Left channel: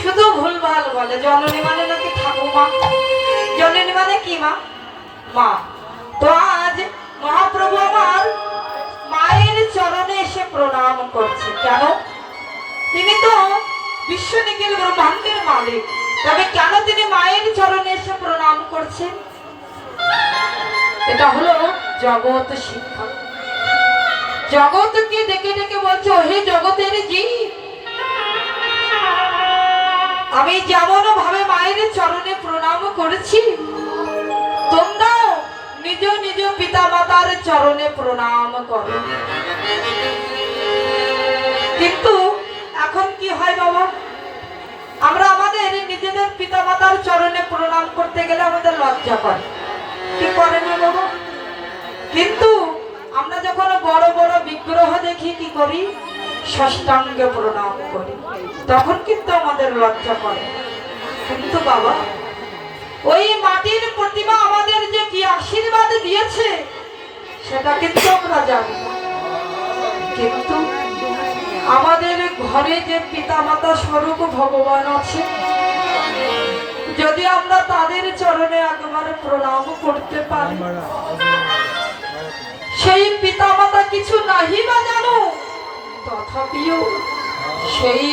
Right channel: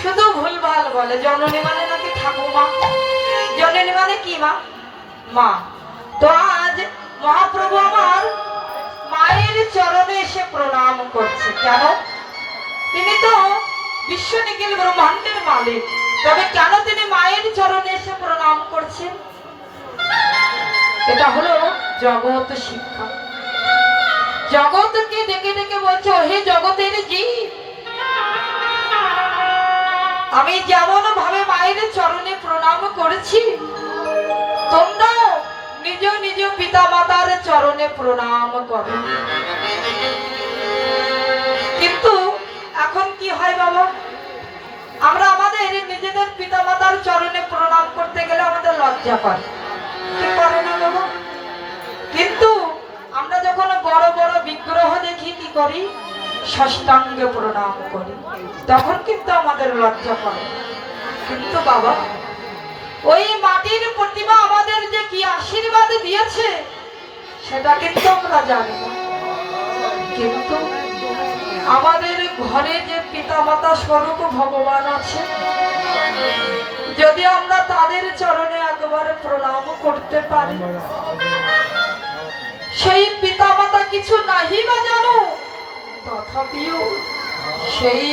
শুধু ভুলভাল বলে। জননী মানে নাকি ঠাকুমা, জননী মানে কি মা? মা। তো আজ মহাপ্রভু আমার মায়ের চরণে এসে প্রণাম করছে। কেন? তিনি তো বিশ্ব নিখিল ব্রহ্মাণ্ডের মালিক, তবে কেন তিনি মায়ের চরণে এসে প্রণাম করছেন? এটা হলো জগৎ শিক্ষা। জগৎকে ডেকে ডেকে বলছে, হে জগতের জীব, আমি যেমন ভাবে মায়ের চরণে প্রণাম করেছি, তোমরাও নিজ নিজ পিতা মাতার চরণে প্রণাম করো। কিন্তু এখন কি হয় বাবা, আমরা আমাদের নিজেদের পিতা মাতার চরণে প্রণাম করতে গেলে আমাদের লজ্জা করে, কি করে না বাবা? কিন্তু আমরা যখন বড় বড় বিগ্রহ দেখি কি করি? ষষ্ঠাঙ্গে প্রণাম করি, তখন কিন্তু আমাদের লজ্জা করে। কিন্তু বাবা, ওই মাটির প্রতিমা আমাদের যে কি আশীর্বাদ দিয়েছে সেটা কিন্তু আমরা জানি না। কিন্তু আমাদের ঘরে যে পিতা মাতা স্বরূপ ভগবান আছে, যদি আমরা তাদের চরণে একবার প্রণাম করতে পারি, সেই পিতা মাতা কিছু নাহি বা জানো, তথাপিও সেই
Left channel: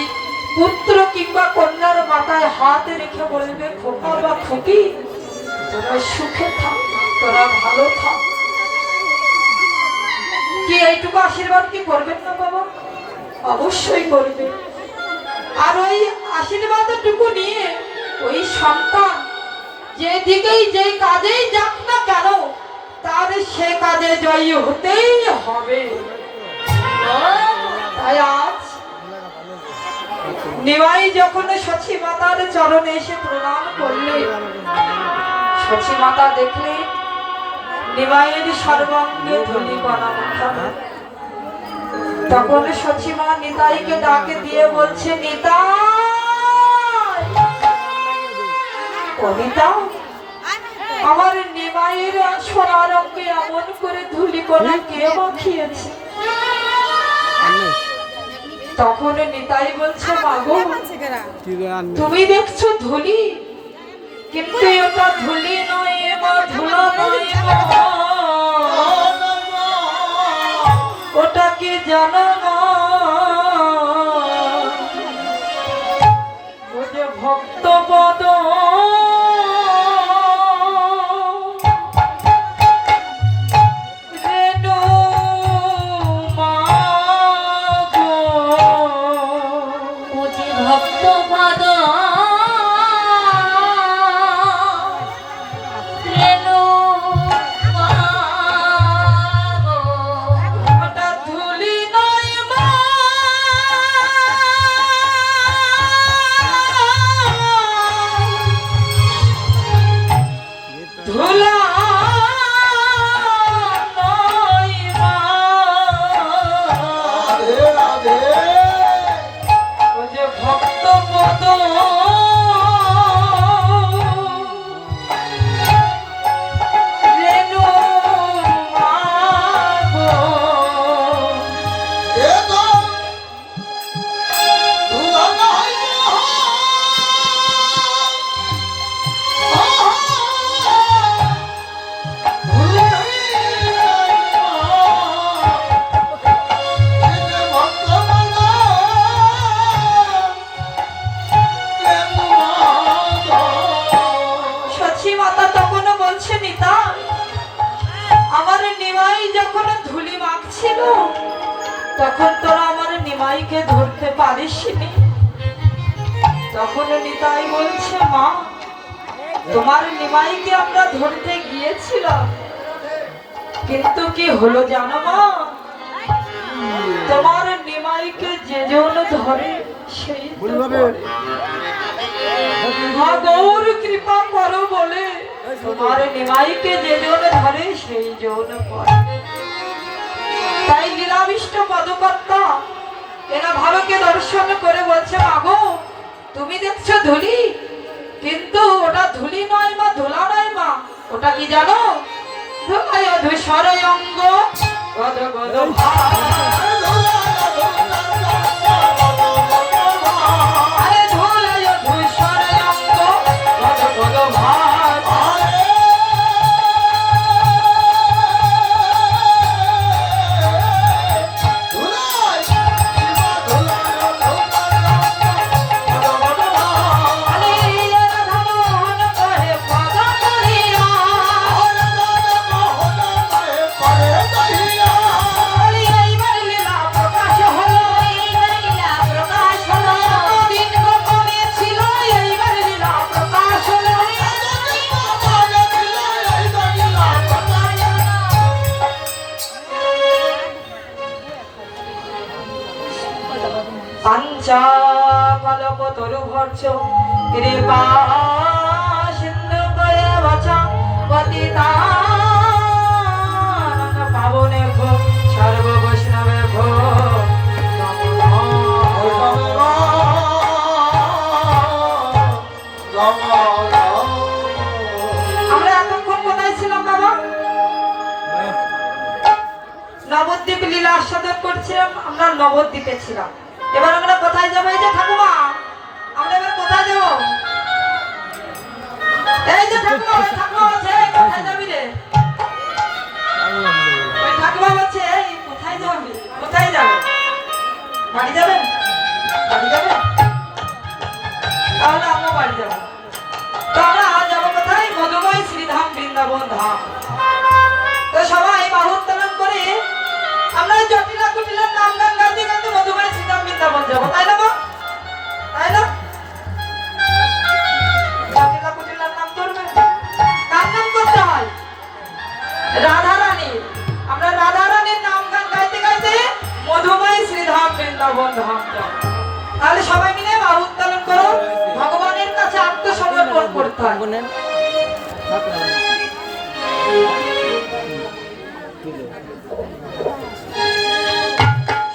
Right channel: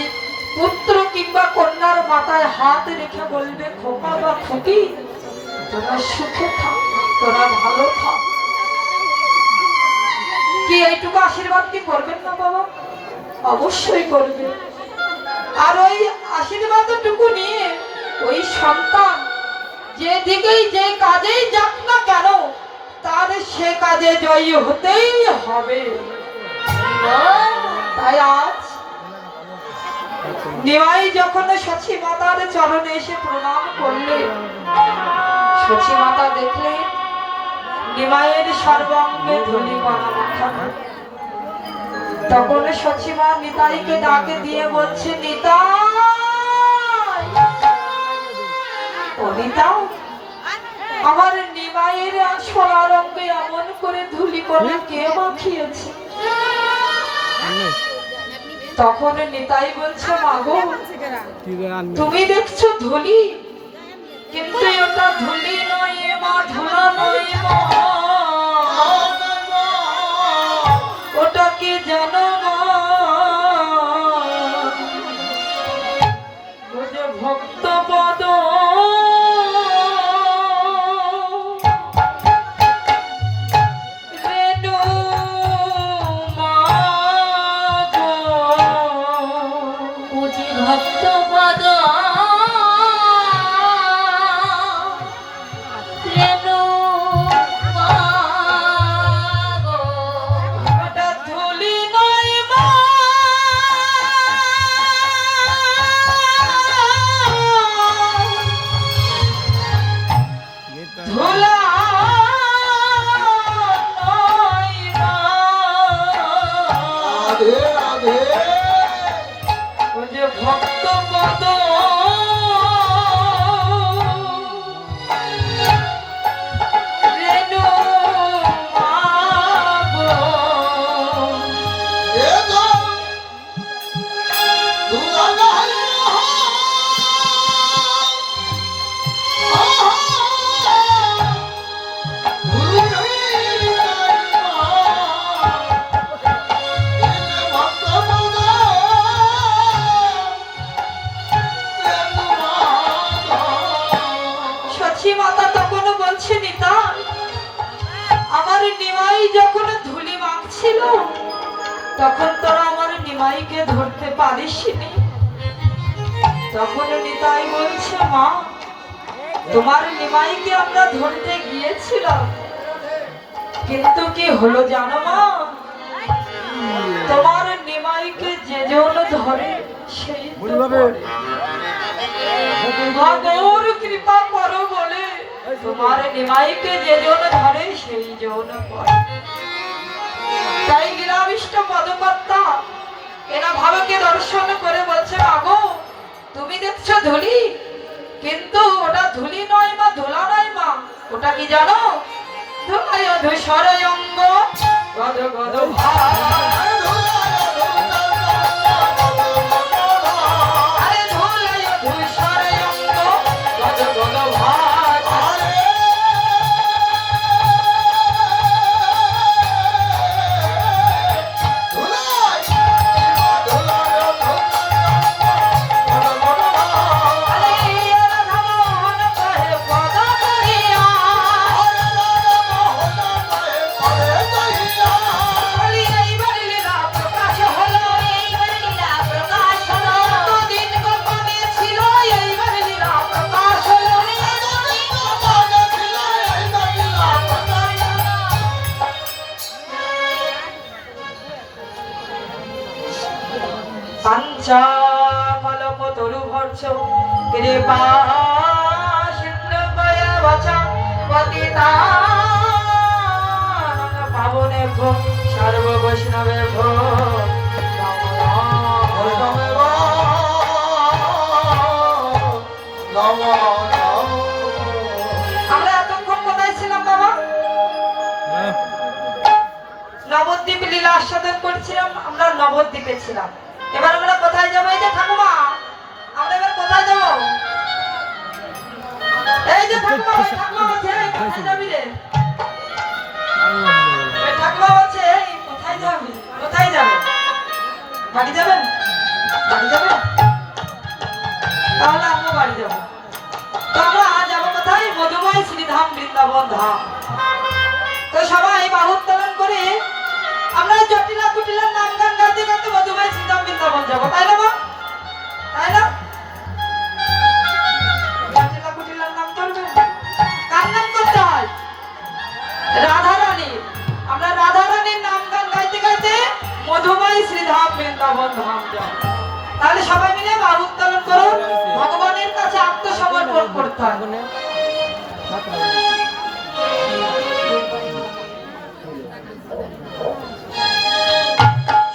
পুত্র কিংবা কন্যার মাথায় হাত রেখে বলবে, খোকা বা খুকি, তোরা সুখে থাক, তোরা ভালো থাক। কি এইটুকু আশীর্বাদ কি করবেন না বাবা? অবশ্যই করবে। আর ওই আশীর্বাদটুকু নিয়ে ওই সন্তান যেদিকেই যে কাজেই যাক না কেন, তার সে কাজে জয়ী হতেই হবে। তাই আজ নিমাই যখন সচী মাতার চরণে এসে প্রণাম করলে, সচী মাতা দেখলে নিমাইয়ের সর্বাঙ্গে ধূলি মাখা। তখন সচী মা নিতাইকে ডাকে দিয়ে বলছে, নিতাই, ও নিতাই, আমার নিমাইয়ের সোনার অঙ্গে এমন করে ধূলি কণা কে মাখিয়েছে? তখন নিতাই বলছে, মাগো, তুমি দেখছো ধুলি, কিন্তু এটা ধুলি নয় বা ধুলো নয়, ওটা কি জানো না? ওরে ভক্ত পদ তখন তোরা আমার নিমাইকে ধরতে পারিসনি। তখন নিতাই বলছে, মা, তোমার নিমাইকে আমরা ধরতে গিয়েছিলাম, কিন্তু কি হলো জানো মা? তোমার নিমাইকে যে জন ধরে সেই গৌর কৃপা করো বলে তোমার নিমাইকে যে জন ধরে সেই জন পড়ে। তাই লীলাবিষ্ট পদকর্তা এরা ভাবকে দর্শন করে বলছে, আগো, তুমি দেখছো ধুলি, কিন্তু ওটা ধুলি নয় মা, ধুলা নয় মা, ওটা কি জানো? ধুলায় ধূসর অঙ্গ গদ গদ ভার, আরে কাঞ্চা কলপতরু ভর্ষ কৃপা সিন্ধু দয়া বাছা পতিতানং পাবনেভ্যো সর্ব বৈষ্ণবেভ্যো আমরা এতক্ষণ কোথায় ছিলাম বাবা? নবদ্বীপ লীলা আস্বাদন করছিলাম, আমরা নবদ্বীপে ছিলাম। এবার আমরা কোথায় যাবো? এই যে ঠাকুমা, আমরা এবার কোথায় যাবো? এই যে ঠাকুমা, ওই ঠাকুমা বলছে এই কোথায় যাবি রে? ওই ঠাকুমা বলছে এই কোথায় যাবি? কোথায় যাবে? বাড়ি যাবেন? বাড়ি যাবেন? তাহলে আমরা বাড়ি যাবো। তো আমরা যাবো কোথায়? মধুময় শ্রীধাম বৃন্দাবন ধাম। তো সবাই বাহু উত্তোলন করে আমরা জটিলা কুটিলার নাম গান গাইতে গাইতে মধুময় শ্রীধাম বৃন্দাবন যাবো, তাই না? তাই না? জটিলা কুটিলার নাম করবে, কার নাম করতে হয়? রাধা রানী। আমরা রাধা রানীর নাম গান গাইতে গাইতে মধুময় শ্রীধাম বৃন্দাবন ধাম যাবো। তাহলে সবাই মিলে বাহু উত্তোলন করুন, ভগবানের কাছে আত্মসমর্পণ করতে হবে।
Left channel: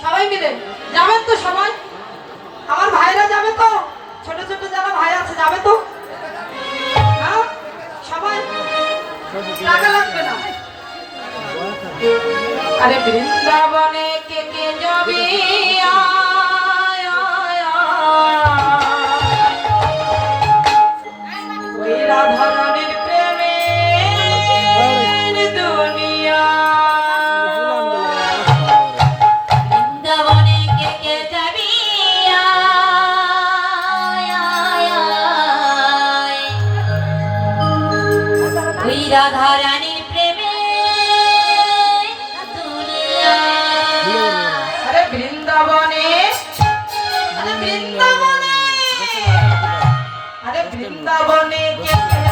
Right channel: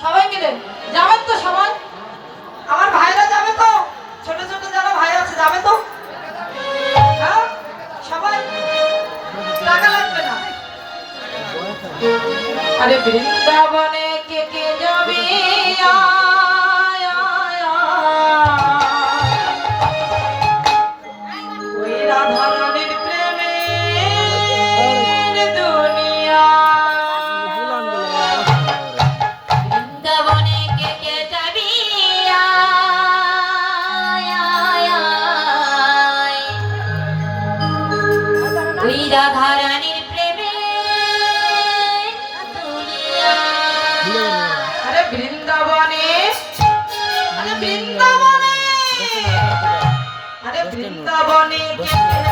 সবাই মিলে যাবেন তো? সবাই আমার ভাইরা যাবে তো? ছোট ছোট যারা ভাই আছে যাবে তো? হ্যাঁ সবাই, টাকা লাগবে না। আরে বৃন্দাবনে কে কে যাবে? ওই রাধা রানীর প্রেমে দুনিয়া। বৃন্দাবনে কে কে যাবি? ওই রাধা রানীর প্রেমে দুনিয়া। আরে বৃন্দাবনে, আরে বৃন্দাবনে, আরে বৃন্দাবনে কে কে